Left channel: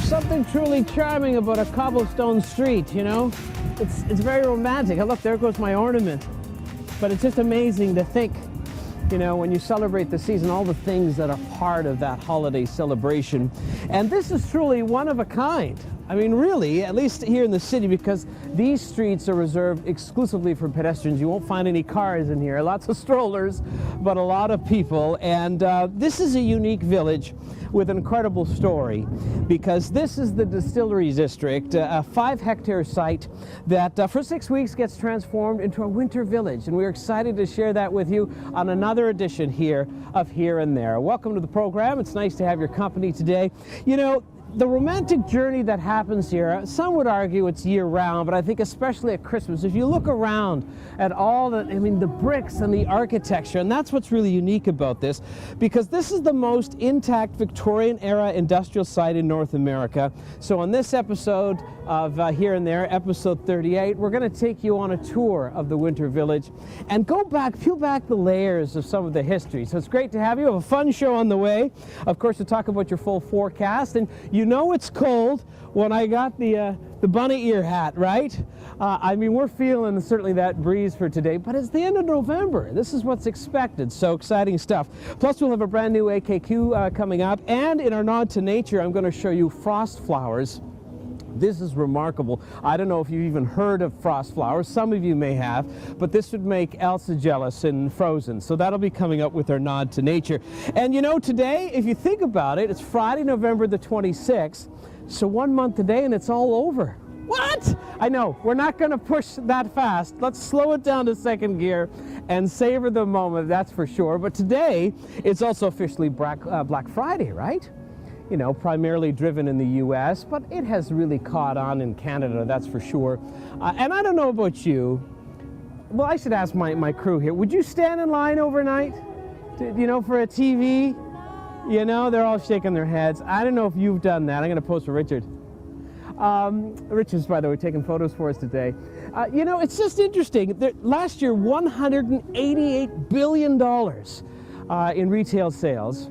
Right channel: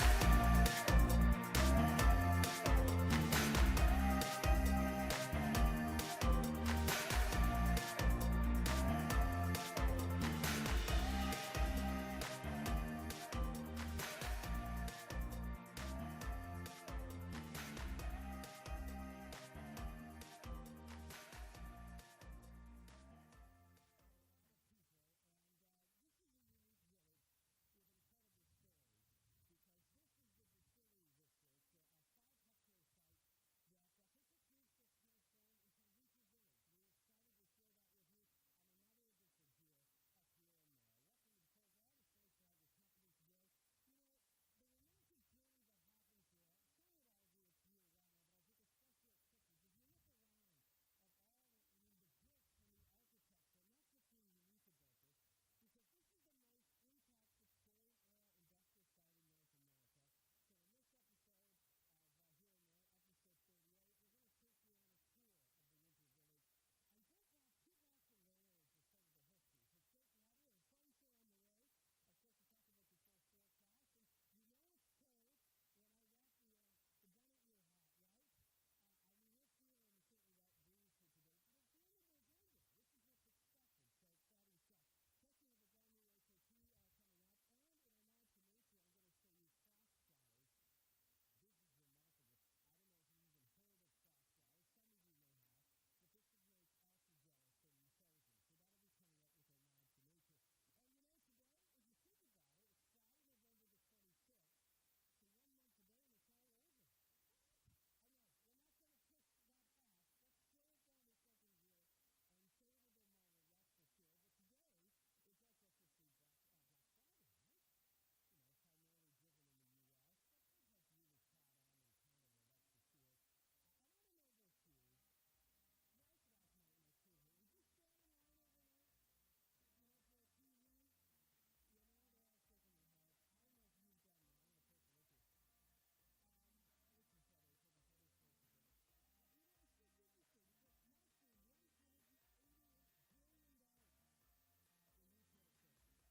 there's something truly charming about a cobblestone street, you know? It's very romantic. Oh, look, there goes my ornament. But it's just amazing to think, you know, when you celebrate the season, all the things that are part of that holiday celebration. And this is truly one of a kind. I mean, really, at least here in the city, because these streets are reserved exclusively for pedestrians. You won't find any cars in here. Lots of strollers, but a lot of people. And this is a unique village with an incredible story, because this is the Distillery District, a 5-hectare site that for 6 weeks gets transformed into a winter village. And we're excited to share that with you on another edition here of Here and There. Welcome to the program. It's nice to have your company today. You know, the romantic journey that happens here, some would argue it's year-round, but I think especially at Christmas, if you look around at all the, I mean, the bricks and the architecture, and that's what's really unique about this, because this is the most intact Victorian-era industrial site in North America. So on this episode of Here and There, episode 38, we're going to take you on a tour of the Winter Village and go back, peel back the layers of some of the history. So it's great to have you. We have a fun show on the way. Of course, to talk about your full forecast, and you know it's cold when I got the bunny ear hat, right? I mean, we're feeling certainly that breeze for today, but it's the end of November. This is what's expected, so exciting stuff. Plus, we'll have a brand new AKQ coming up, and in our nod to nature, I'm going to show you frost flowers. This is remarkable. I don't know if you've even heard of frost flowers. Some of you may have, but this would make Elsa jealous in Frozen. So that'll be coming up with our nod to nature. And you know, today, if you think about it, it's Friday, November the 26th. So 1 month today and it's all over. What? I know, we're not going to push that fast. Let's slow it down to second gear and savor the moment, that's for sure. But today, it's also officially Black Friday, right? You know, primarily driven in the U.S., but it has really caught on in Canada, that's for sure. And I don't know about you. Well, I should ask my crew here. Would you stand in line overnight, you know, for a TV? You know, they're all shaking their heads. I don't know if you've done that. I'm going to post for Richard. Richard's, by the way, taking photos for us today. You know, it's just interesting. Last year, $188 billion in retail sales.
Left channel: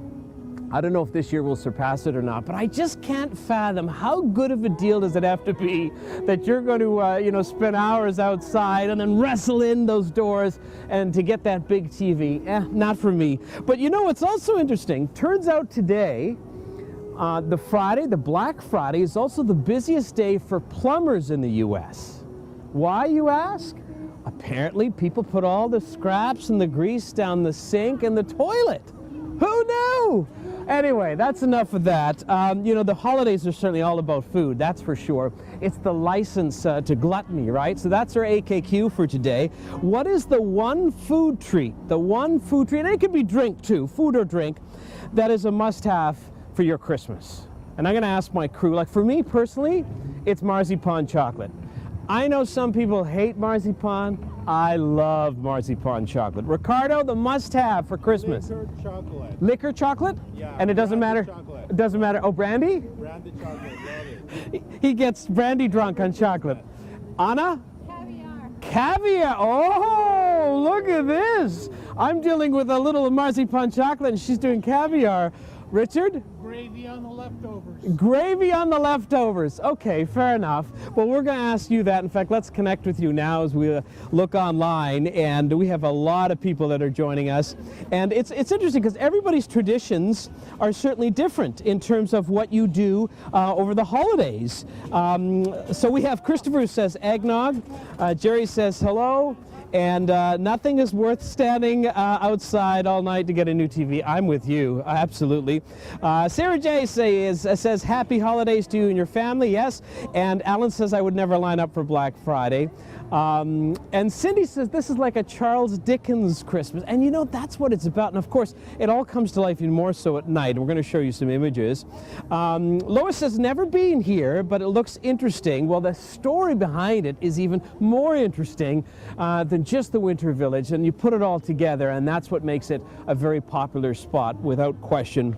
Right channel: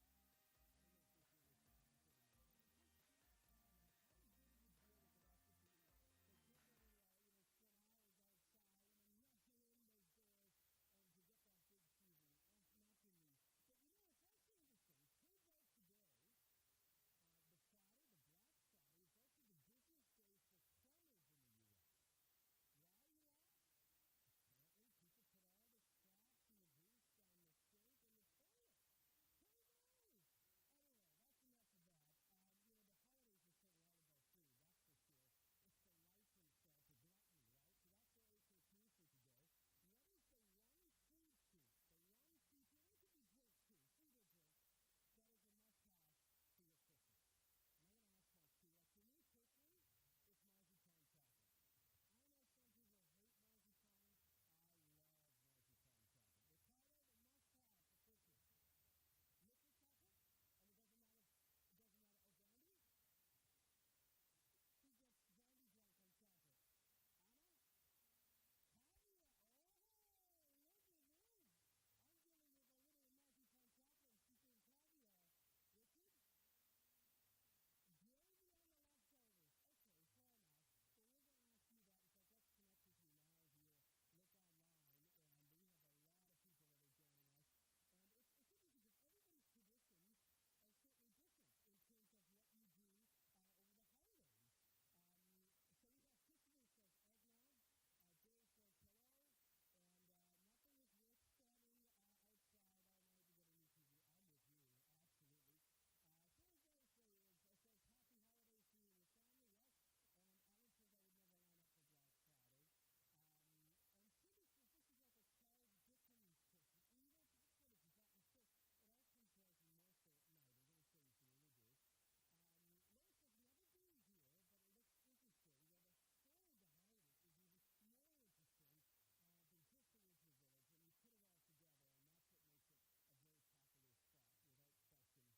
I don't know if this year will surpass it or not, but I just can't fathom how good of a deal does it have to be that you're going to, you know, spend hours outside and then wrestle in those doors and to get that big TV. Not for me. But you know, it's also interesting. Turns out today, the Black Friday, is also the busiest day for plumbers in the U.S. Why, you ask? Apparently, people put all the scraps and the grease down the sink and the toilet. Who knew? Anyway, that's enough of that. You know, the holidays are certainly all about food, that's for sure. It's the license to gluttony, right? So that's our AKQ for today. What is the one food treat, and it could be drink too, food or drink, that is a must-have for your Christmas? And I'm going to ask my crew. Like, for me personally, it's marzipan chocolate. I know some people hate marzipan. I love marzipan chocolate. Ricardo, the must-have for Christmas. Liquor chocolate. Liquor chocolate? Yeah. And it doesn't matter? Chocolate. It doesn't matter. Oh, brandy? Brandy chocolate, love it. He gets brandy drunk on chocolate. Anna? Caviar. Caviar. Oh, look at this. I'm dealing with a little marzipan chocolate and she's doing caviar. Richard? Gravy on the leftovers. Gravy on the leftovers. Okay, fair enough. Well, we're going to ask you that. In fact, let's connect with you now as we look online, and we have a lot of people that are joining us. And it's interesting because everybody's traditions are certainly different in terms of what you do over the holidays. So we have Christopher who says eggnog. Jerry says hello. And nothing is worth standing outside all night to get a new TV. I'm with you, absolutely. Sarah J says happy holidays to you and your family, yes. And Alan says I would never line up for Black Friday. And Cindy says this is like a Charles Dickens Christmas. And you know, that's what it's about. And of course, it all comes to life even more so at night. We're going to show you some images. Lois says never been here, but it looks interesting. Well, the story behind it is even more interesting than just the Winter Village. And you put it all together, and that's what makes it a very popular spot without question.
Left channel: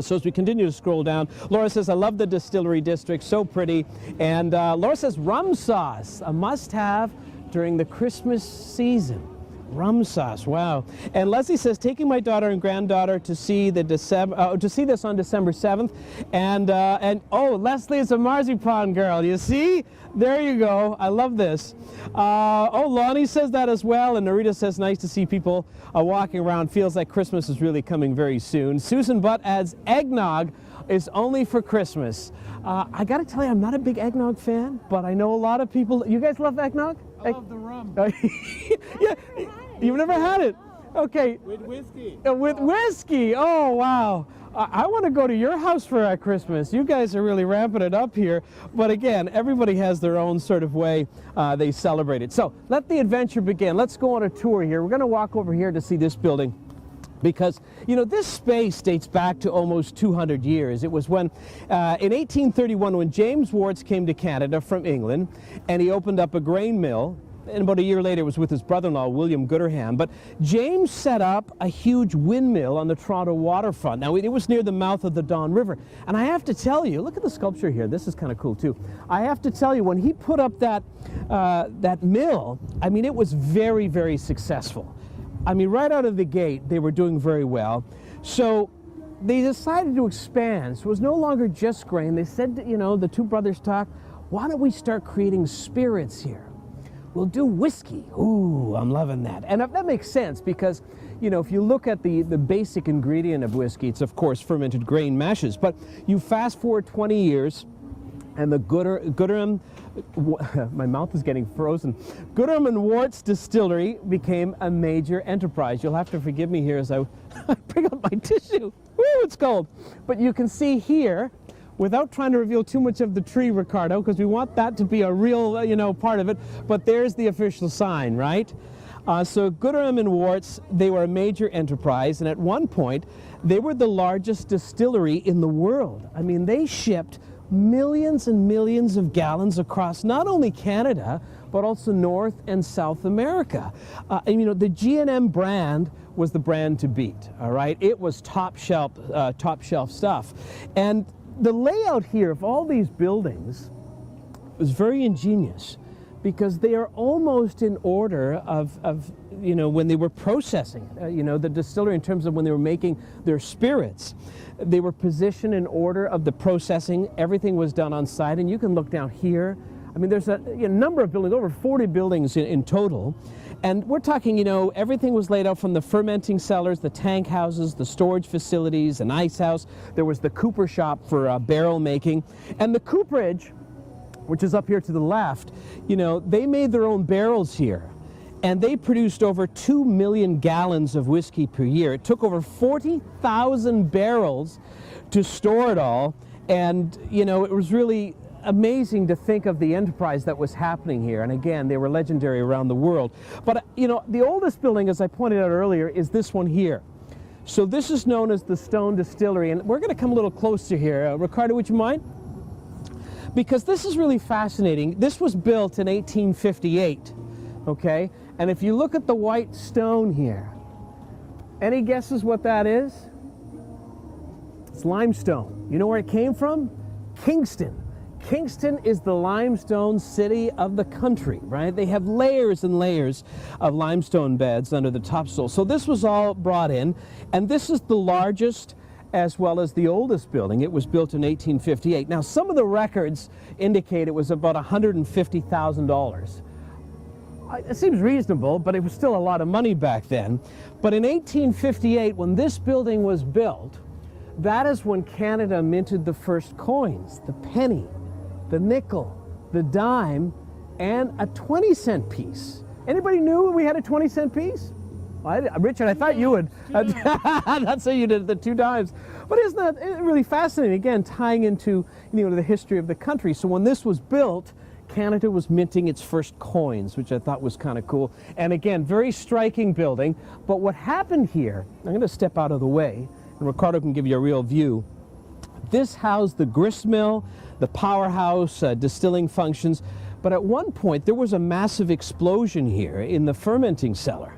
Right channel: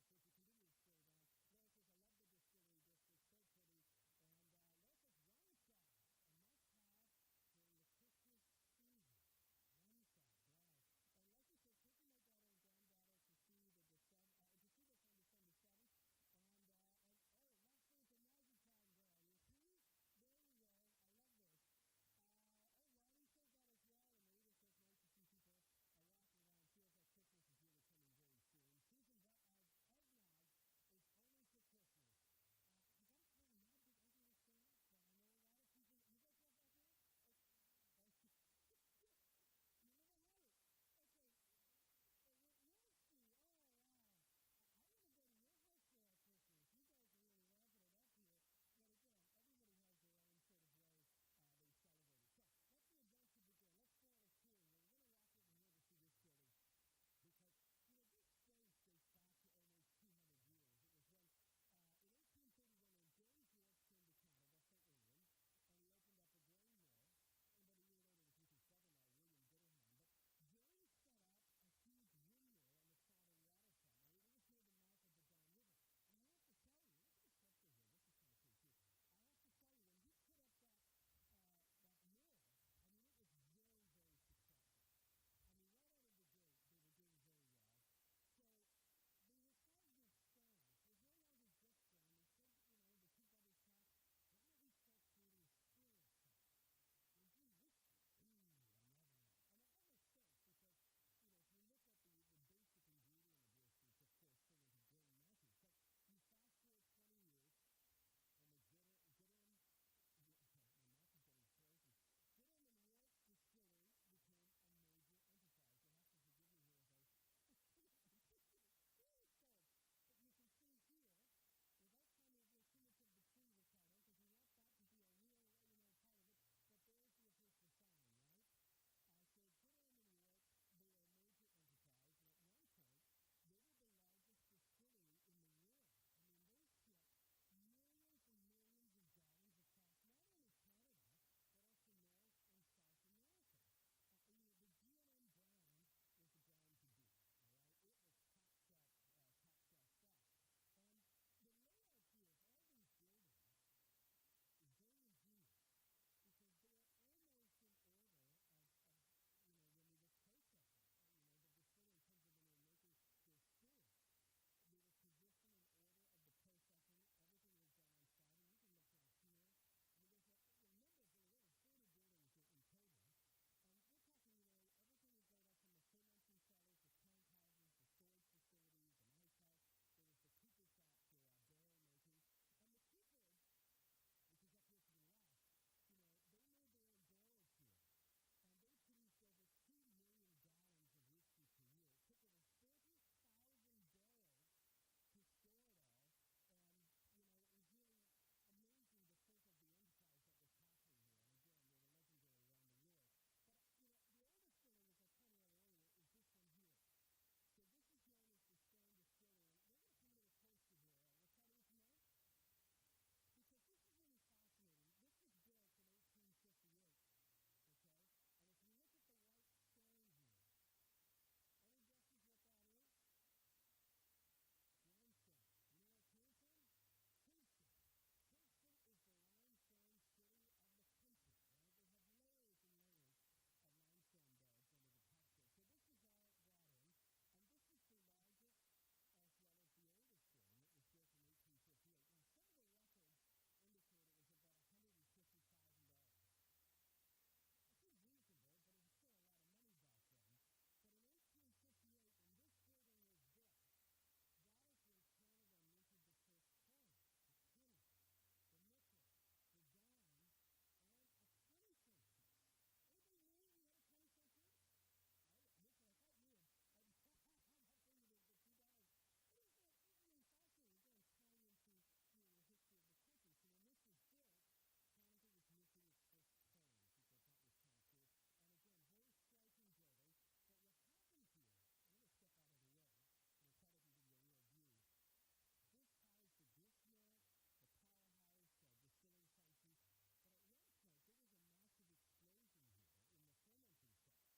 So as we continue to scroll down, Laura says, I love the Distillery District, so pretty. And Laura says, rum sauce, a must-have during the Christmas season. Rum sauce, wow. And Leslie says, taking my daughter and granddaughter to see the to see this on December 7th. And oh, Leslie is a marzipan girl. You see? There you go. I love this. Oh, Lonnie says that as well. And Narita says, nice to see people walking around. Feels like Christmas is really coming very soon. Susan Butt adds, eggnog is only for Christmas. I got to tell you, I'm not a big eggnog fan, but I know a lot of people. You guys love eggnog? I love the rum. Yeah, you've never had it. Okay. With whiskey. With whiskey. Oh, wow. I want to go to your house for Christmas. You guys are really ramping it up here. But again, everybody has their own sort of way they celebrate it. So let the adventure begin. Let's go on a tour here. We're going to walk over here to see this building. Because, you know, this space dates back to almost 200 years. It was when, in 1831, when James Warts came to Canada from England, and he opened up a grain mill, and about a year later it was with his brother-in-law, William Gooderham. But James set up a huge windmill on the Toronto waterfront. Now, it was near the mouth of the Don River. And I have to tell you, look at the sculpture here. This is kind of cool, too. I have to tell you, when he put up that, that mill, I mean, it was very, very successful. I mean, right out of the gate, they were doing very well. So they decided to expand. So it was no longer just grain. They said, you know, the two brothers talked, why don't we start creating spirits here? We'll do whiskey. Ooh, I'm loving that. And that makes sense because, you know, if you look at the basic ingredient of whiskey, it's, of course, fermented grain mashes. But you fast forward 20 years, and the Gooderham, my mouth is getting frozen. Gooderham and Warts Distillery became a major enterprise. You'll have to forgive me here as I bring up my tissue. Woo, it's cold. But you can see here, without trying to reveal too much of the tree, Ricardo, because we want that to be a real, you know, part of it. But there's the official sign, right? So Gooderham and Warts, they were a major enterprise, and at one point, they were the largest distillery in the world. I mean, they shipped millions and millions of gallons across not only Canada, but also North and South America. And you know, the G&M brand was the brand to beat, all right? It was top shelf stuff. And the layout here of all these buildings was very ingenious because they are almost in order of you know, when they were processing, you know, the distillery in terms of when they were making their spirits. They were positioned in order of the processing. Everything was done on site, and you can look down here. I mean, there's a number of buildings, over 40 buildings in total. And we're talking, you know, everything was laid out from the fermenting cellars, the tank houses, the storage facilities, an ice house. There was the cooper shop for barrel making. And the cooperage, which is up here to the left, you know, they made their own barrels here. And they produced over 2 million gallons of whiskey per year. It took over 40,000 barrels to store it all. And, you know, it was really amazing to think of the enterprise that was happening here. And again, they were legendary around the world. But, you know, the oldest building, as I pointed out earlier, is this one here. So this is known as the Stone Distillery. And we're going to come a little closer here. Ricardo, would you mind? Because this is really fascinating. This was built in 1858, okay? And if you look at the white stone here, any guesses what that is? It's limestone. You know where it came from? Kingston. Kingston is the limestone city of the country, right? They have layers and layers of limestone beds under the topsoil. So this was all brought in, and this is the largest as well as the oldest building. It was built in 1858. Now, some of the records indicate it was about $150,000. It seems reasonable, but it was still a lot of money back then. But in 1858, when this building was built, that is when Canada minted the first coins, the penny, the nickel, the dime, and a 20-cent piece. Anybody knew we had a 20-cent piece? Richard, I thought you would. That's how you did the 2 dimes. But isn't that really fascinating? Again, tying into, you know, the history of the country. So when this was built, Canada was minting its first coins, which I thought was kind of cool. And again, very striking building. But what happened here, I'm going to step out of the way, and Ricardo can give you a real view. This housed the grist mill, the powerhouse, distilling functions. But at one point, there was a massive explosion here in the fermenting cellar.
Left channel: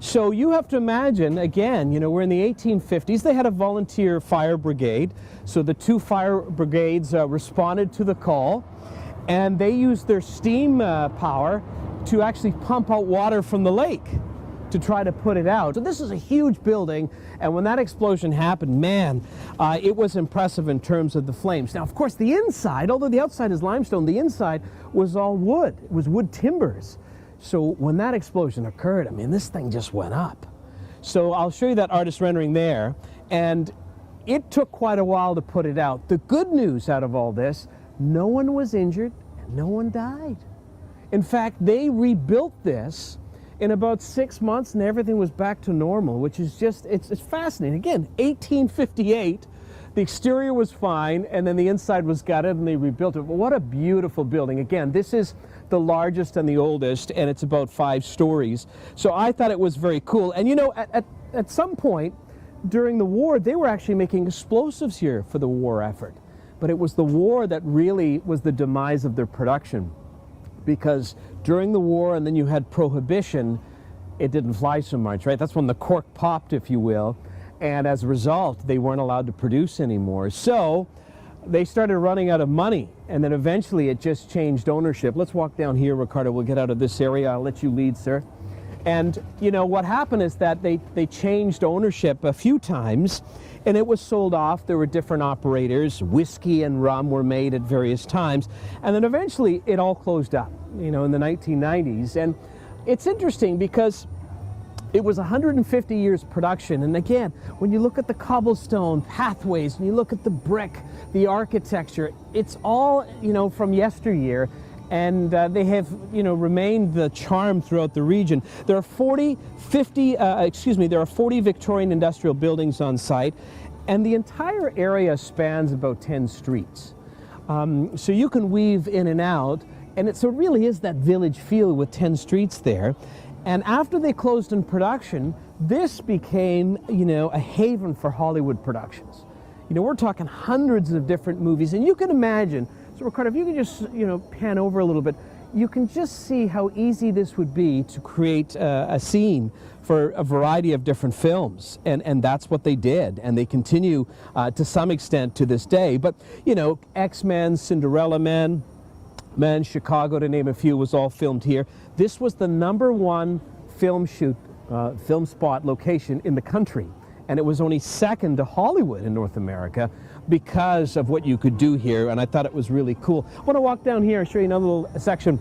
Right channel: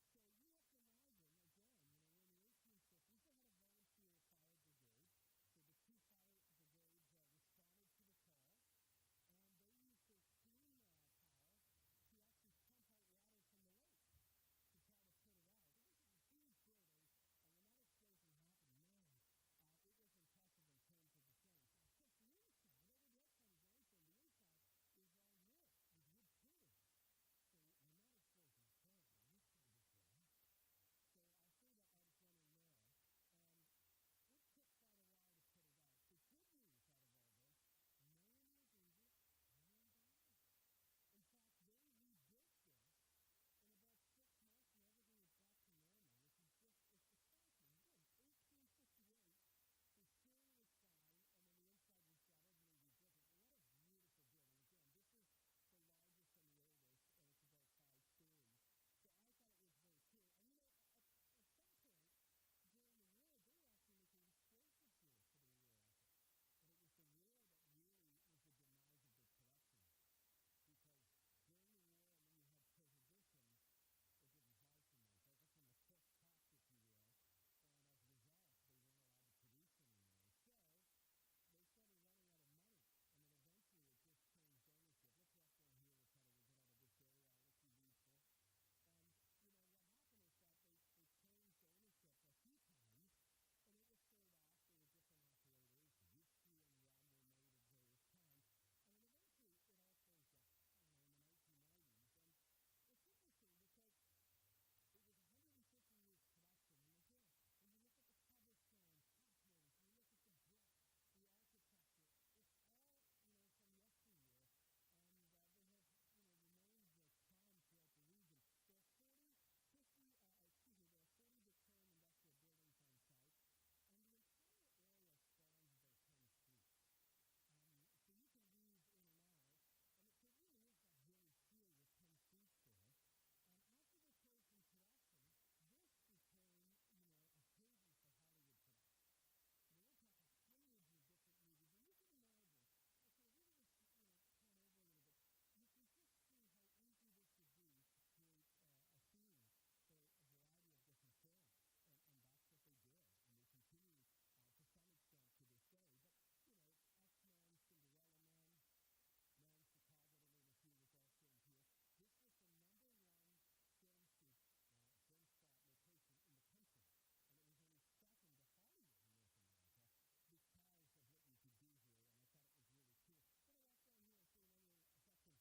So you have to imagine, again, you know, we're in the 1850s. They had a volunteer fire brigade. So the 2 fire brigades responded to the call. And they used their steam power to actually pump out water from the lake. to try to put it out. So this is a huge building, and when that explosion happened, man, it was impressive in terms of the flames. Now, of course, the inside, although the outside is limestone, the inside was all wood. It was wood timbers. So when that explosion occurred, I mean, this thing just went up. So I'll show you that artist rendering there, and it took quite a while to put it out. The good news out of all this, no one was injured and no one died. In fact, they rebuilt this in about 6 months and everything was back to normal, which is just, it's fascinating. Again, 1858, the exterior was fine and then the inside was gutted and they rebuilt it. But what a beautiful building. Again, this is the largest and the oldest, and it's about 5 stories. So I thought it was very cool. And you know, at some point during the war, they were actually making explosives here for the war effort. But it was the war that really was the demise of their production, because during the war, and then you had prohibition, it didn't fly so much, right? That's when the cork popped, if you will. And as a result, they weren't allowed to produce anymore. So they started running out of money, and then eventually it just changed ownership. Let's walk down here, Ricardo. We'll get out of this area. I'll let you lead, sir. And you know what happened is that they changed ownership a few times, and it was sold off. There were different operators. Whiskey and rum were made at various times, and then eventually it all closed up, you know, in the 1990s. And it's interesting because it was 150 years production, and again, when you look at the cobblestone pathways, and you look at the brick, the architecture, it's all, you know, from yesteryear, and they have, you know, remained the charm throughout the region. There are 40 Victorian industrial buildings on site, and the entire area spans about 10 streets. So you can weave in and out, and so it really is that village feel with 10 streets there. And after they closed in production, this became, you know, a haven for Hollywood productions. You know, we're talking hundreds of different movies, and you can imagine, so Ricardo, if you can just, you know, pan over a little bit, you can just see how easy this would be to create a scene for a variety of different films, and that's what they did, and they continue to some extent to this day. But, you know, X-Men, Cinderella Man, Chicago, to name a few, was all filmed here. This was the #1 film spot location in the country, and it was only second to Hollywood in North America because of what you could do here, and I thought it was really cool. I want to walk down here and show you another little section.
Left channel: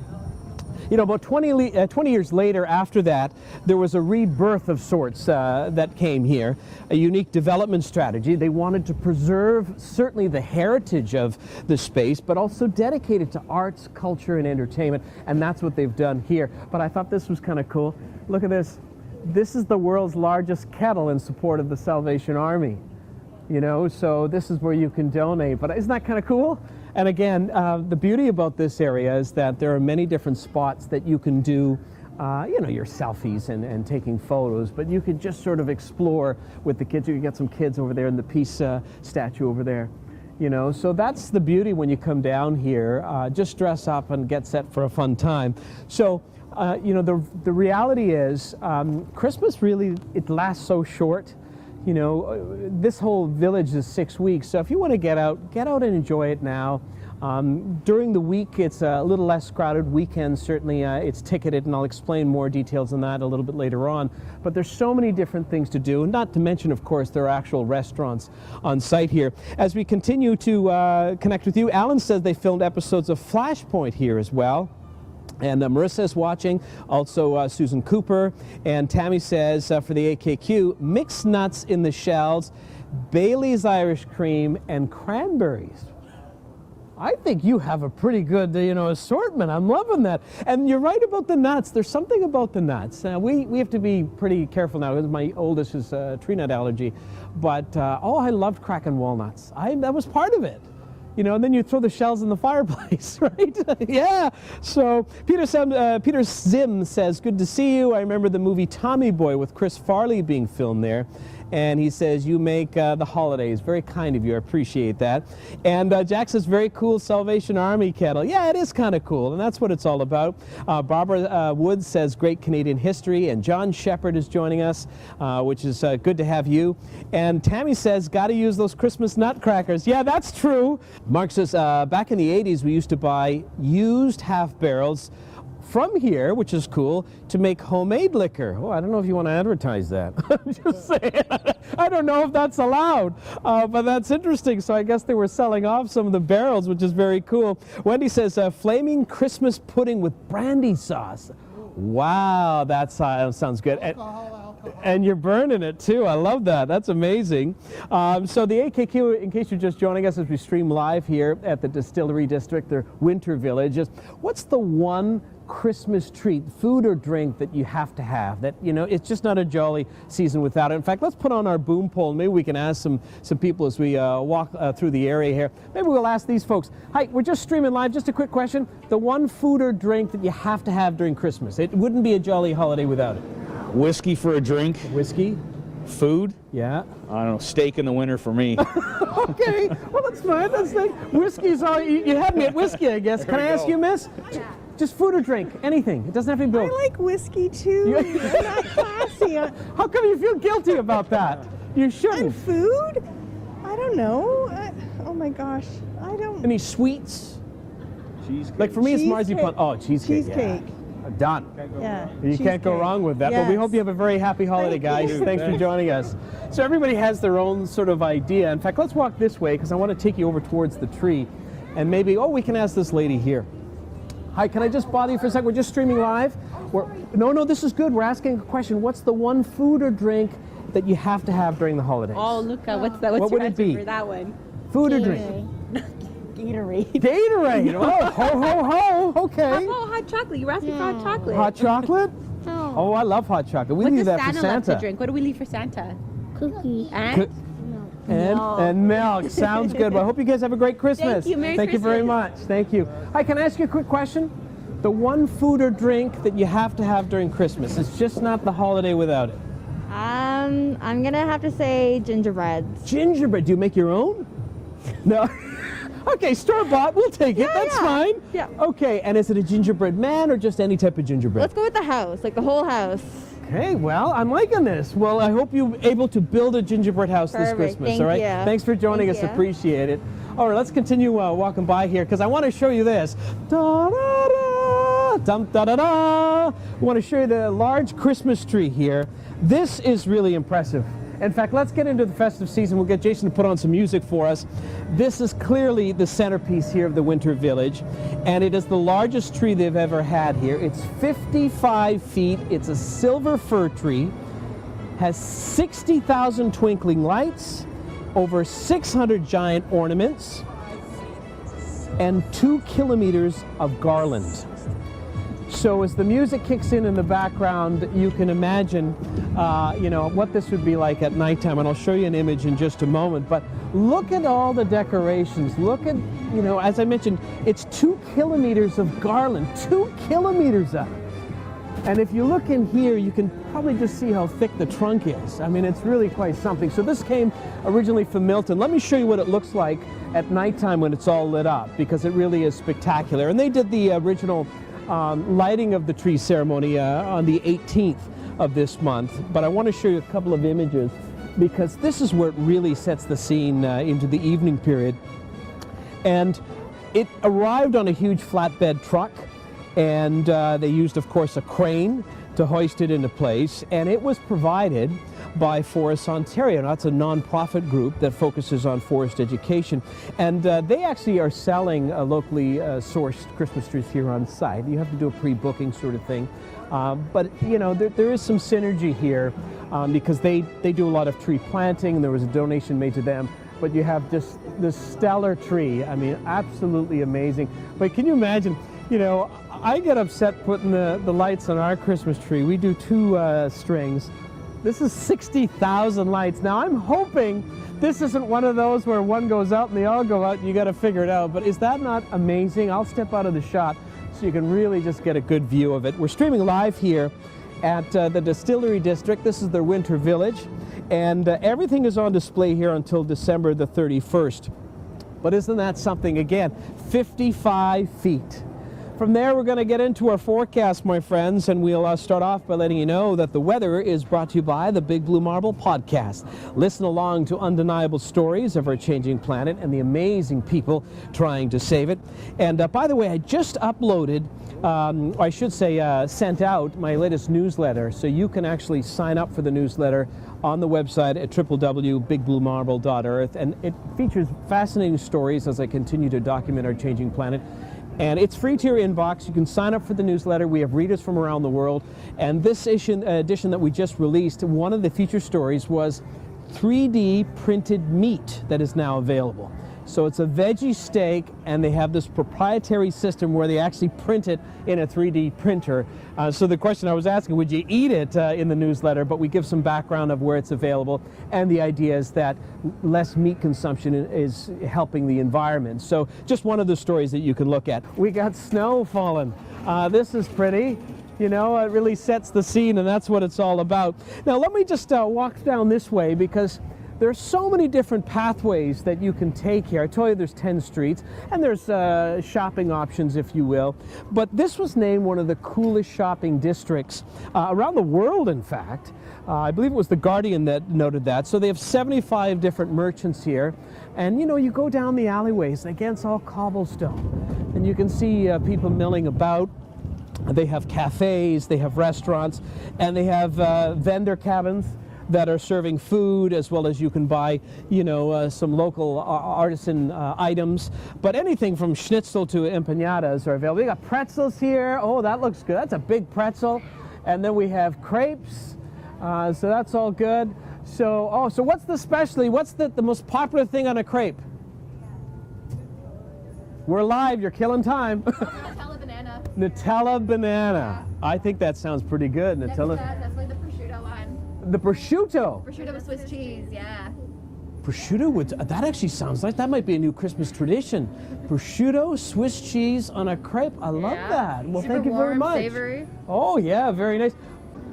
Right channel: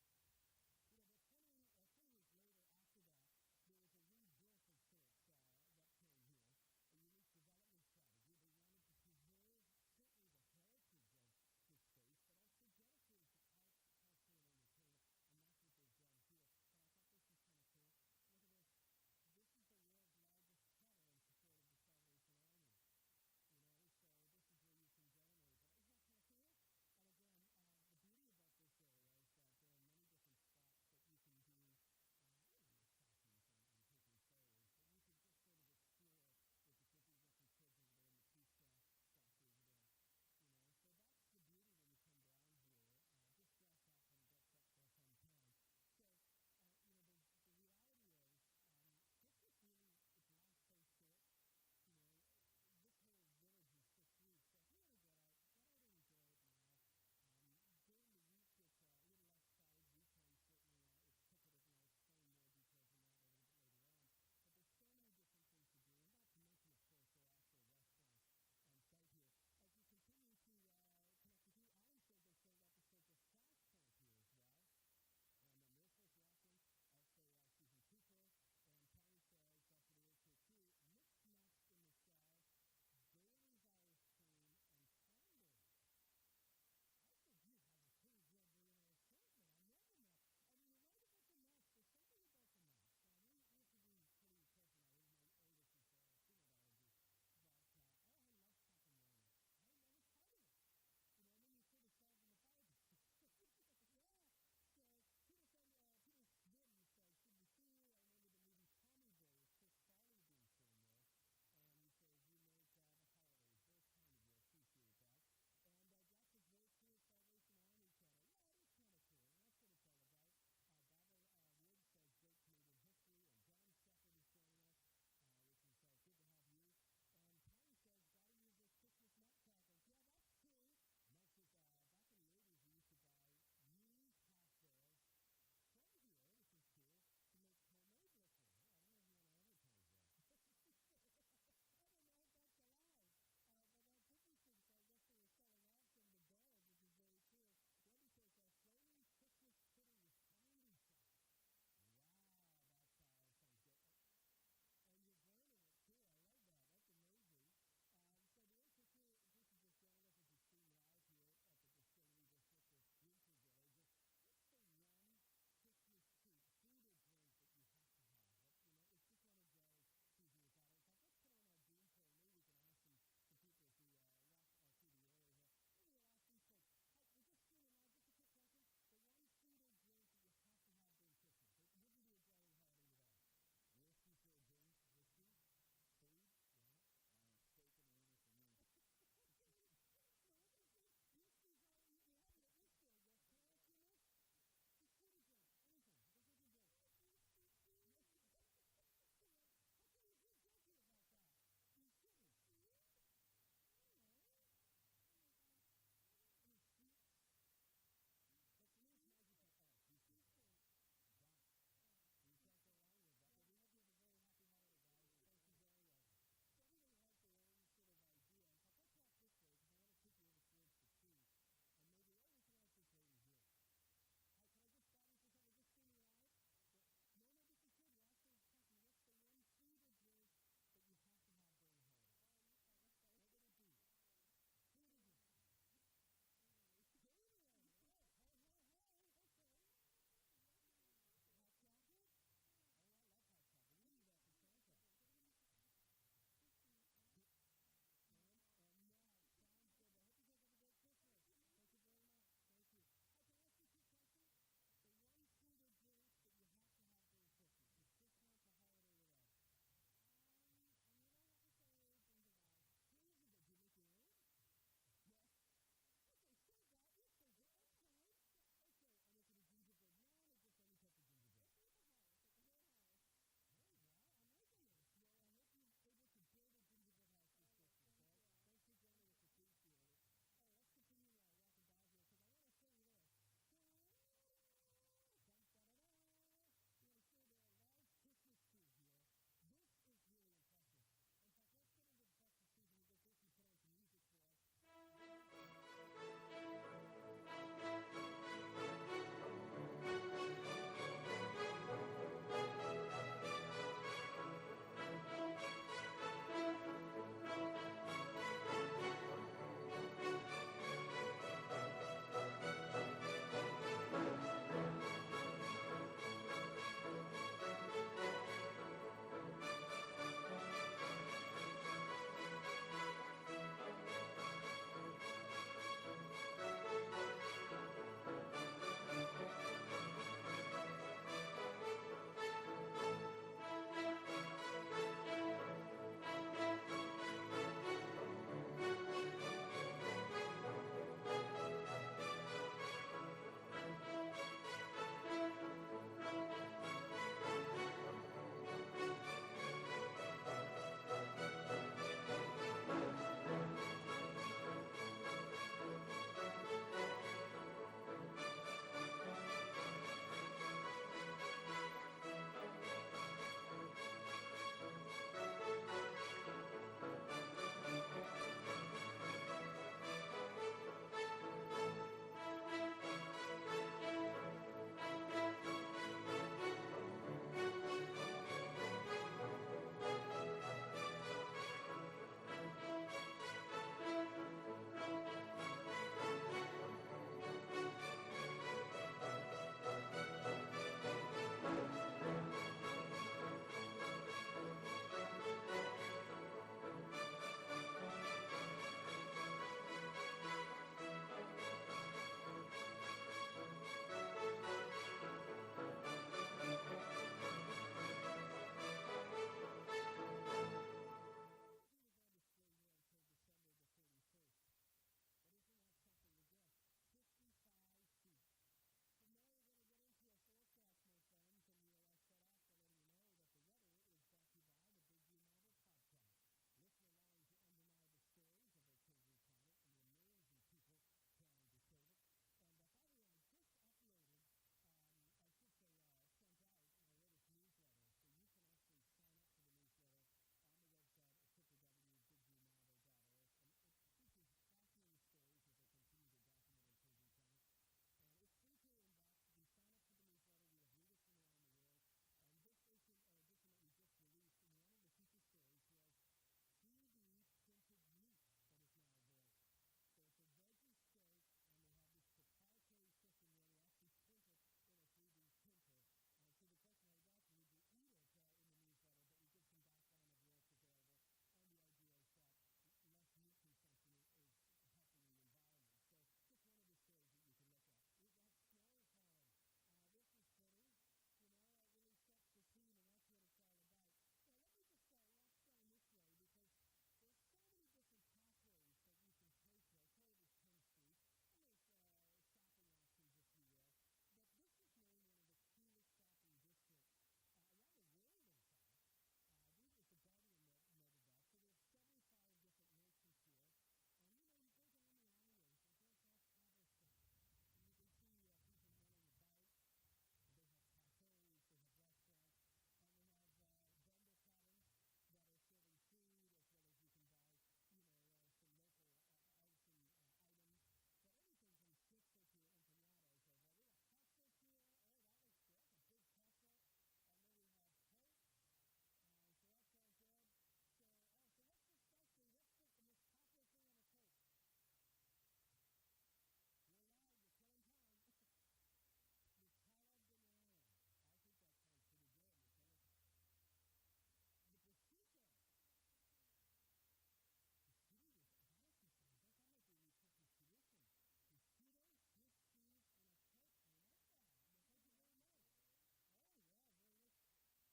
You know, about 20 years later after that, there was a rebirth of sorts that came here, a unique development strategy. They wanted to preserve certainly the heritage of the space, but also dedicate it to arts, culture, and entertainment, and that's what they've done here. But I thought this was kind of cool. Look at this. This is the world's largest kettle in support of the Salvation Army. You know, so this is where you can donate. But isn't that kind of cool? And again, the beauty about this area is that there are many different spots that you can do, you know, your selfies and taking photos, but you could just sort of explore with the kids. You can get some kids over there in the peace statue over there, you know. So that's the beauty when you come down here. Just dress up and get set for a fun time. So, you know, the reality is Christmas really, it lasts so short. You know, this whole village is 6 weeks, so if you want to get out and enjoy it now. During the week, it's a little less crowded. Weekends, certainly, it's ticketed, and I'll explain more details on that a little bit later on. But there's so many different things to do, and not to mention, of course, there are actual restaurants on site here. As we continue to connect with you, Alan says they filmed episodes of Flashpoint here as well. And Marissa is watching, also Susan Cooper, and Tammy says for the AKQ, mixed nuts in the shells, Bailey's Irish cream, and cranberries. I think you have a pretty good, you know, assortment. I'm loving that. And you're right about the nuts. There's something about the nuts. We have to be pretty careful now because my oldest is tree nut allergy. But, oh, I loved cracking walnuts. That was part of it. You know, and then you throw the shells in the fireplace, right? Yeah. So Peter Zim says, good to see you. I remember the movie Tommy Boy with Chris Farley being filmed there. And he says, you make the holidays. Very kind of you. I appreciate that. And Jack says, very cool Salvation Army kettle. Yeah, it is kind of cool, and that's what it's all about. Barbara Woods says, great Canadian history. And John Shepard is joining us, which is good to have you. And Tammy says, got to use those Christmas nutcrackers. Yeah, that's true. Mark says, back in the 80s, we used to buy used half barrels from here, which is cool, to make homemade liquor. Oh, I don't know if you want to advertise that. I'm just saying. I don't know if that's allowed, but that's interesting. So I guess they were selling off some of the barrels, which is very cool. Wendy says, flaming Christmas pudding with brandy sauce. Wow, that sounds good. And you're burning it too. I love that. That's amazing. So the AKQ, in case you're just joining us as we stream live here at the Distillery District, their winter village, is what's the one Christmas treat, food or drink that you have to have? That, you know, it's just not a jolly season without it. In fact, let's put on our boom pole and maybe we can ask some people as we walk through the area here. Maybe we'll ask these folks. Hi, we're just streaming live. Just a quick question. The one food or drink that you have to have during Christmas. It wouldn't be a jolly holiday without it. Whiskey for a drink. Whiskey? Food? Yeah. I don't know, steak in the winter for me. Okay, well that's fine. That's like whiskey's all you had me at whiskey, I guess. Can I ask you, miss? Yeah. Just food or drink, anything. It doesn't have to be both. I like whiskey too. It's not classy. How come you feel guilty about that? You shouldn't. And food? I don't know. Oh my gosh, I don't. Any sweets? Cheesecake. Like for me, it's Cheesecake. marzipan. Oh, cheesecake. Cheesecake. Yeah. Done. Yeah. You can't go wrong with that. But we Yes. hope you have a very happy holiday, Thank guys. you. Thanks for joining us. So everybody has their own sort of idea. In fact, let's walk this way because I want to take you over towards the tree, and maybe we can ask this lady here. Hi, can I just bother you for a second? We're just streaming live. No, this is good. We're asking a question. What's the one food or drink that you have to have during the holidays? Oh, Luca, what's that? What's What your would it answer be? for that one? Food or drink? Gatorade. Gatorade. Oh, ho, ho, ho. Okay. Oh, hot chocolate. You were asking for hot chocolate. Hot chocolate? Oh, I love hot chocolate. We What leave does that for Santa love to Santa. drink? What do we leave for Santa? Cookie. And? And milk. Sounds good. Well, I hope you guys have a great Christmas. Thank you. Merry Thank you very Christmas. much. Thank you. Hi, can I ask you a quick question? The one food or drink that you have to have during Christmas. It's just not the holiday without it. I'm gonna have to say gingerbread. Gingerbread. Do you make your own? No. Okay, store-bought. We'll take it. That's fine. Yeah. Okay, and is it a gingerbread man or just any type of gingerbread? Let's go with the house, like the whole house. Okay, well, I'm liking this. Well, I hope you're able to build a gingerbread house this Perfect. Christmas, Thank all right? you. Thanks for joining Thank us. you. Appreciate it. All right, let's continue walking by here because I want to show you this. Da-da-da, dum-da-da-da. I want to show you the large Christmas tree here. This is really impressive. In fact, let's get into the festive season. We'll get Jason to put on some music for us. This is clearly the centerpiece here of the Winter Village, and it is the largest tree they've ever had here. It's 55 feet. It's a silver fir tree, has 60,000 twinkling lights, over 600 giant ornaments, and 2 kilometers of garland. So as the music kicks in the background, you can imagine, what this would be like at nighttime. And I'll show you an image in just a moment. But look at all the decorations. Look at, as I mentioned, it's 2 kilometers of garland, 2 kilometers of it. And if you look in here, you can probably just see how thick the trunk is. I mean, it's really quite something. So this came originally from Milton. Let me show you what it looks like at nighttime when it's all lit up, because it really is spectacular. And they did the original lighting of the tree ceremony on the 18th of this month, but I want to show you a couple of images because this is where it really sets the scene into the evening period. And it arrived on a huge flatbed truck, and they used, of course, a crane to hoist it into place, and it was provided by Forests Ontario. Now, that's a non-profit group that focuses on forest education, and they actually are selling locally sourced Christmas trees here on site. You have to do a pre-booking sort of thing, but there is some synergy here because they do a lot of tree planting, and there was a donation made to them. But you have just this stellar tree. I mean, absolutely amazing. But can you imagine? I get upset putting the lights on our Christmas tree. We do 2 strings. This is 60,000 lights. Now, I'm hoping this isn't one of those where one goes out and they all go out and you got to figure it out. But is that not amazing? I'll step out of the shot so you can really just get a good view of it. We're streaming live here at the Distillery District. This is their Winter Village. And everything is on display here until December the 31st. But isn't that something? Again, 55 feet. From there, we're going to get into our forecast, my friends, and we'll start off by letting you know that the weather is brought to you by the Big Blue Marble podcast. Listen along to undeniable stories of our changing planet and the amazing people trying to save it. And by the way, I just uploaded, I should say sent out my latest newsletter, so you can actually sign up for the newsletter on the website at www.bigbluemarble.earth, and it features fascinating stories as I continue to document our changing planet. And it's free to your inbox. You can sign up for the newsletter. We have readers from around the world. And this edition that we just released, one of the feature stories was 3D printed meat that is now available. So it's a veggie steak, and they have this proprietary system where they actually print it in a 3D printer. So the question I was asking, would you eat it in the newsletter? But we give some background of where it's available, and the idea is that less meat consumption is helping the environment. So just one of the stories that you can look at. We got snow falling. This is pretty. You know, it really sets the scene, and that's what it's all about. Now let me just walk down this way, because there's so many different pathways that you can take here. I told you there's 10 streets, and there's shopping options, if you will. But this was named one of the coolest shopping districts around the world, in fact. I believe it was The Guardian that noted that. So they have 75 different merchants here. And, you know, you go down the alleyways, again, it's all cobblestone. And you can see people milling about. They have cafes, they have restaurants, and they have vendor cabins that are serving food, as well as you can buy, you know, some local artisan items. But anything from schnitzel to empanadas are available. We got pretzels here. Oh, that looks good. That's a big pretzel. And then we have crepes. So that's all good. So, so what's the specialty? What's the most popular thing on a crepe? We're live. You're killing time. Nutella banana. Nutella banana. I think that sounds pretty good. Nutella. Definitely the prosciutto one. The prosciutto. Prosciutto with Swiss cheese, yeah. Prosciutto would, that actually sounds like that might be a new Christmas tradition. Prosciutto, Swiss cheese on a crepe. I love that. Well, Super thank you very warm, much. Savory. Oh yeah, very nice.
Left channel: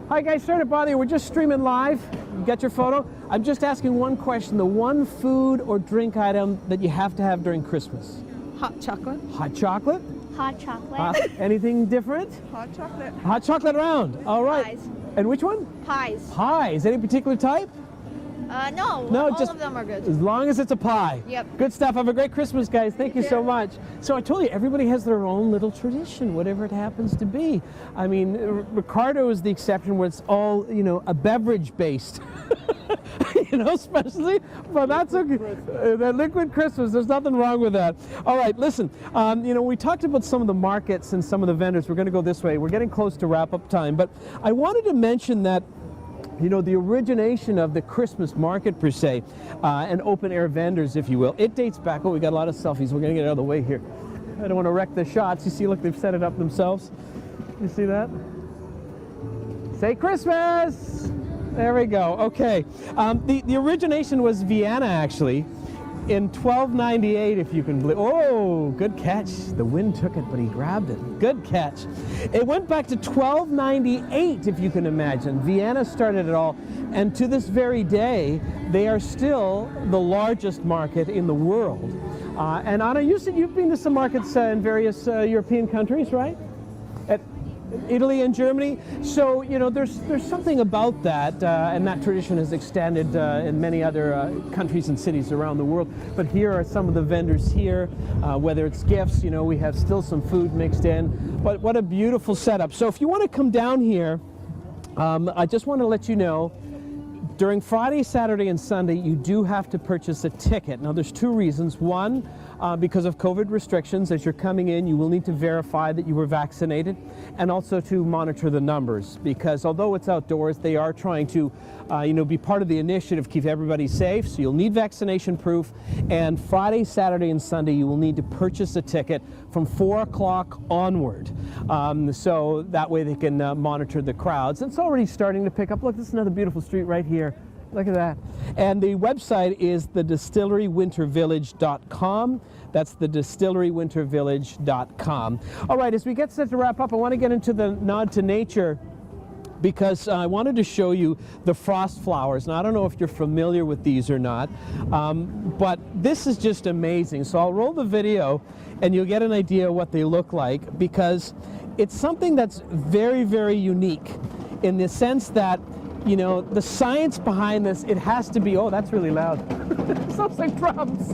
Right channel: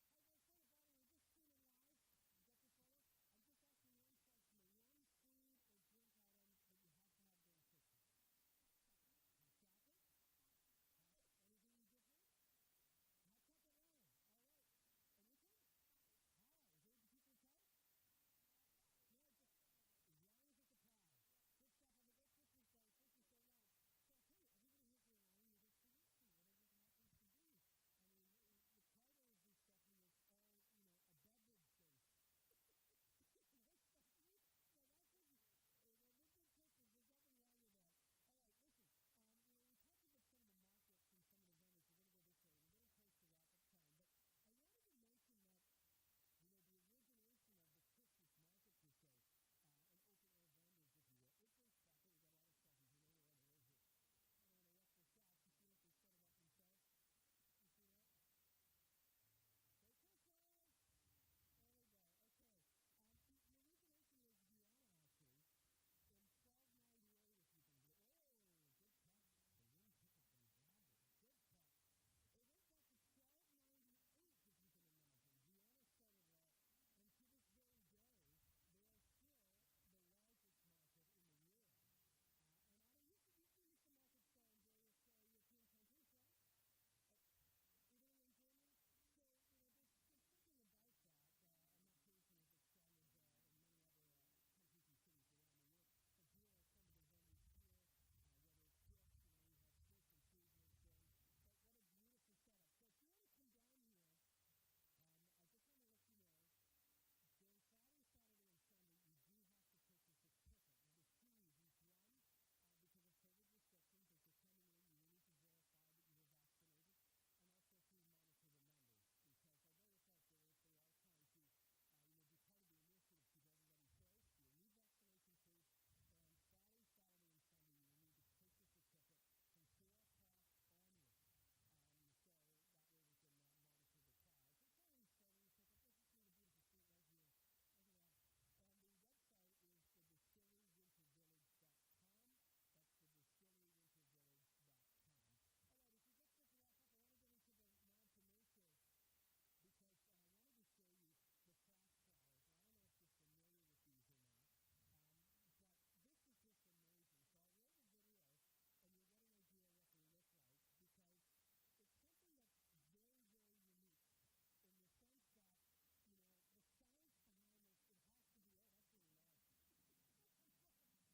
Hi guys, sorry to bother you. We're just streaming live. You got your photo? I'm just asking one question. The one food or drink item that you have to have during Christmas. Hot chocolate. Hot chocolate? Hot chocolate. Anything different? Hot chocolate. Hot chocolate around. All right. Pies. And which one? Pies. Pies. Any particular type? No, No, all just of them are good. as long as it's a pie. Yep. Good stuff. Have a great Christmas, guys. Thank you so much. So I told you, everybody has their own little tradition, whatever it happens to be. I mean, Ricardo is the exception where it's all, you know, a beverage-based, you know, especially. But that's okay. That liquid Christmas, there's nothing wrong with that. All right, listen, you know, we talked about some of the markets and some of the vendors. We're going to go this way. We're getting close to wrap-up time. But I wanted to mention that, you know, the origination of the Christmas market, per se, and open-air vendors, if you will, it dates back. Oh, we got a lot of selfies. We're going to get out of the way here. I don't want to wreck the shots. You see, look, they've set it up themselves. You see that? Say Christmas! There we go. Okay. The origination was Vienna, actually, in 1298, if you can believe. Oh, good catch. The wind took it, but he grabbed it. Good catch. It went back to 1298, if you can imagine. Vienna started it all, and to this very day, they are still the largest market in the world. And Anna, you said you've been to some markets in various European countries, right? At Italy and Germany. So, you know, there's something about that, and that tradition has extended in many other countries and cities around the world. But here are some of the vendors here, whether it's gifts, you know, we have still some food mixed in. But what a beautiful setup. So if you want to come down here, I just want to let you know, during Friday, Saturday, and Sunday, you do have to purchase a ticket. Now, there's two reasons. One, because of COVID restrictions, as you're coming in, you will need to verify that you were vaccinated, and also to monitor the numbers, because although it's outdoors, they are trying to, you know, be part of the initiative, keep everybody safe. So you'll need vaccination proof, and Friday, Saturday, and Sunday, you will need to purchase a ticket from 4 o'clock onward. So that way they can monitor the crowds. It's already starting to pick up. Look, this is another beautiful street right here. Look at that. And the website is thedistillerywintervillage.com. That's thedistillerywintervillage.com. All right, as we get set to wrap up, I want to get into the nod to nature because I wanted to show you the frost flowers. Now, I don't know if you're familiar with these or not, but this is just amazing. So I'll roll the video and you'll get an idea of what they look like, because it's something that's very, very unique in the sense that, you know, the science behind this, it has to be, oh, that's really loud. It sounds like drums.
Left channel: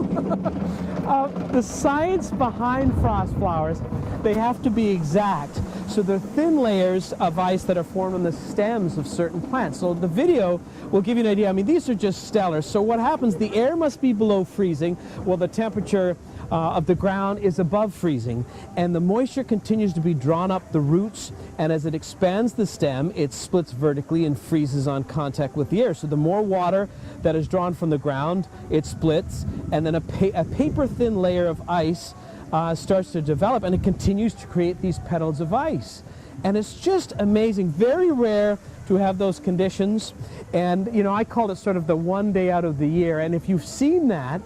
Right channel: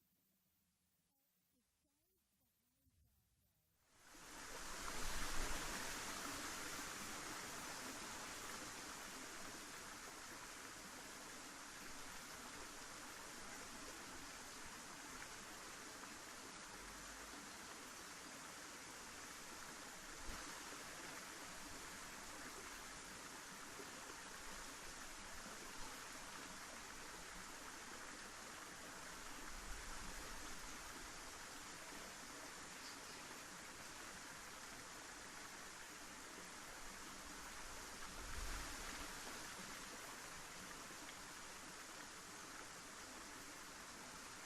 The science behind frost flowers, they have to be exact. So they're thin layers of ice that are formed on the stems of certain plants. So the video will give you an idea. I mean, these are just stellar. So what happens, the air must be below freezing, while the temperature of the ground is above freezing. And the moisture continues to be drawn up the roots, and as it expands the stem, it splits vertically and freezes on contact with the air. So the more water that is drawn from the ground, it splits, and then a paper-thin layer of ice starts to develop, and it continues to create these petals of ice. And it's just amazing. Very rare to have those conditions. And, you know, I call it sort of the one day out of the year. And if you've seen that,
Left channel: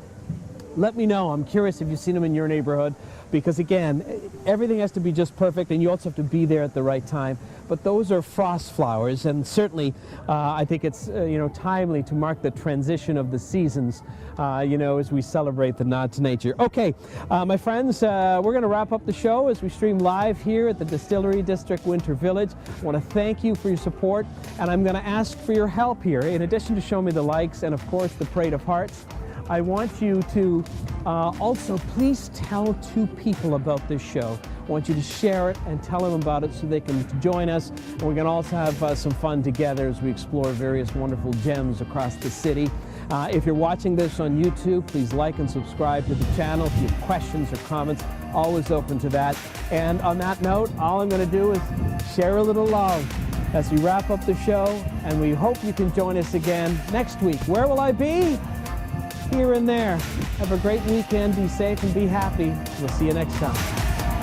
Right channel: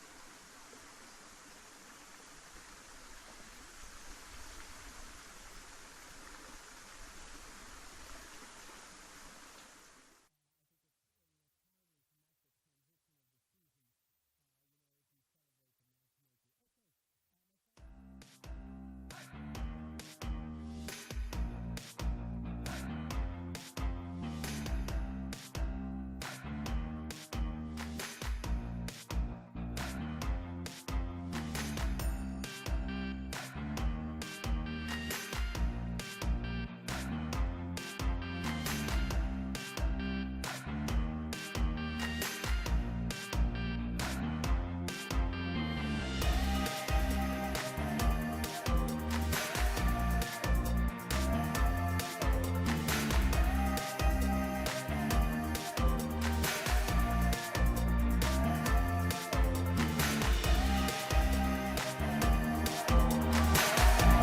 let me know. I'm curious if you've seen them in your neighborhood, because again, everything has to be just perfect, and you also have to be there at the right time. But those are frost flowers, and certainly I think it's you know, timely to mark the transition of the seasons, you know, as we celebrate the nod to nature. Okay, my friends, we're going to wrap up the show as we stream live here at the Distillery District Winter Village. I want to thank you for your support, and I'm going to ask for your help here. In addition to showing me the likes and of course the parade of hearts, I want you to also please tell 2 people about this show. I want you to share it and tell them about it so they can join us. And we're going to also have some fun together as we explore various wonderful gems across the city. If you're watching this on YouTube, please like and subscribe to the channel. If you have questions or comments, always open to that. And on that note, all I'm going to do is share a little love as we wrap up the show, and we hope you can join us again next week. Where will I be? Here and there. Have a great weekend. Be safe and be happy. We'll see you next time.